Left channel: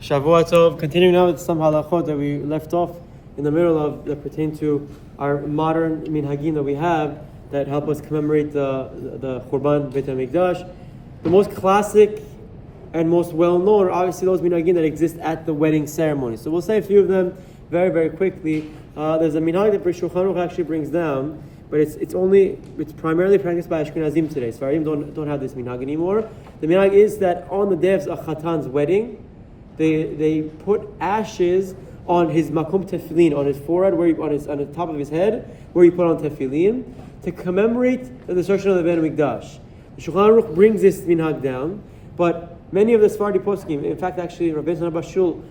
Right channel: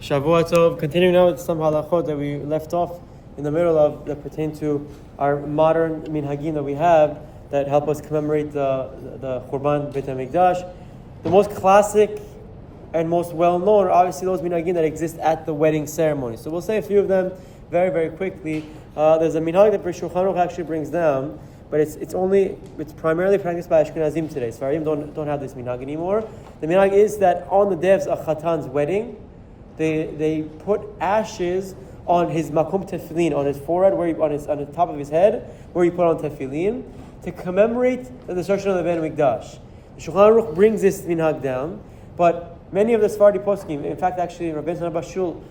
Shavua Tov. Continuing now with some halachot that we left off in the middle of that pertain to our modern minhagim that we have that help us commemorate the LeChurban Beit Hamikdash. The most classic and most well-known are obviously those minhagim that exist at the wedding ceremony. So we'll say a few of them very, very quickly. There's a minhag that Shulchan Aruch actually brings down, but it's primarily practiced by Ashkenazim today. Sfaradim don't have this minhag anymore. The minhag is that on the day of a chatan's wedding, they put ashes on his makom tefillin, on his forehead, on the top of his head, where he put on tefillin, to commemorate the destruction of the Hamikdash. The Shulchan Aruch brings this minhag down, but many of the Sephardi poskim, in fact, actually, Rabbi Bashul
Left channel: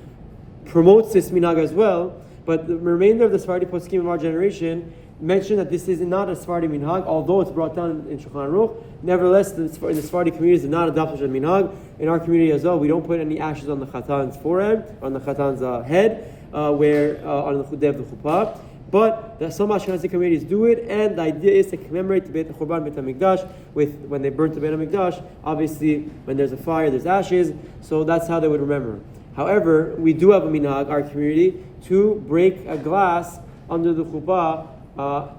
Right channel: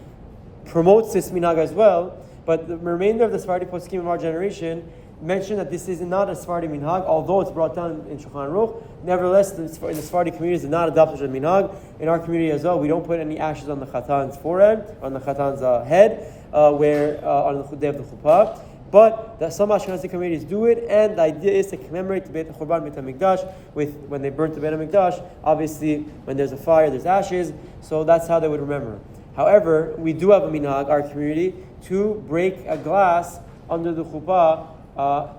promotes this minhag as well. But the remainder of the Sephardi poskim of our generation mention that this is not a Sephardi minhag, although it's brought down in Shulchan Aruch. Nevertheless, the Sephardi community is not adopted as a minhag. In our community as well, we don't put any ashes on the chatan's forehead, on the chatan's head, on the day of the chuppah. But some Ashkenazi communities do it, and the idea is to commemorate the LeChurban Beit Hamikdash when they burnt the Beit Hamikdash. Obviously, when there's a fire, there's ashes, so that's how they would remember. However, we do have a minhag, our community, to break a glass under the chuppah.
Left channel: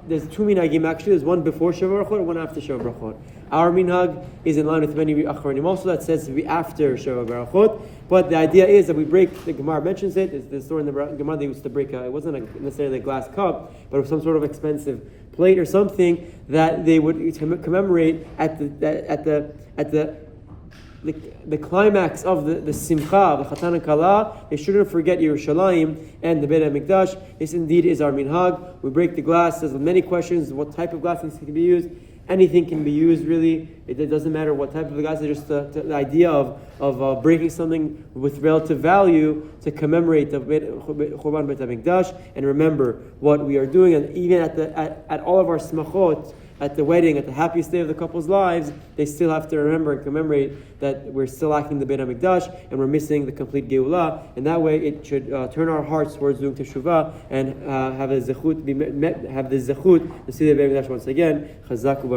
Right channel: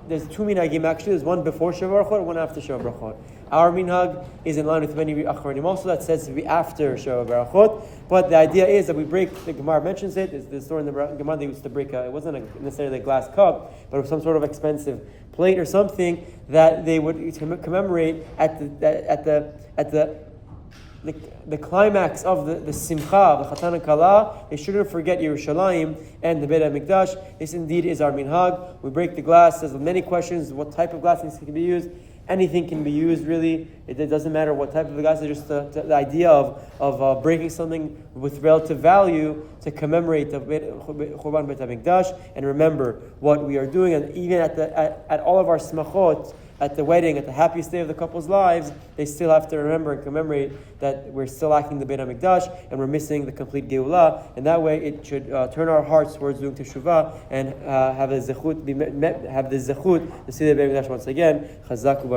There's two minhagim actually. There's one before Sheva Brachot and one after Sheva Brachot. Our minhag is in line with many achronim also that says to be after Sheva Brachot. But the idea is that we break. The Gemara mentions it. It's the story in the Gemara they used to break. It wasn't necessarily a glass cup, but it was some sort of expensive plate or something that they would commemorate at the climax of the simcha, the chatan and kala. They shouldn't forget Yerushalayim and the Beit Hamikdash. This indeed is our minhag. We break the glass. There's many questions. What type of glass needs to be used? Anything can be used, really. It doesn't matter what type of glass. It's just the idea of breaking something with relative value to commemorate the Churban Beit Hamikdash and remember what we are doing. And even at all of our smachot, at the wedding, at the happiest day of the couple's lives, they still have to remember and commemorate that we're still lacking the Beit Hamikdash and we're missing the complete Geulah. And that way, it should turn our hearts towards doing teshuvah and have the zechut to see the Beit Hamikdash once again. Chazak u'baruch.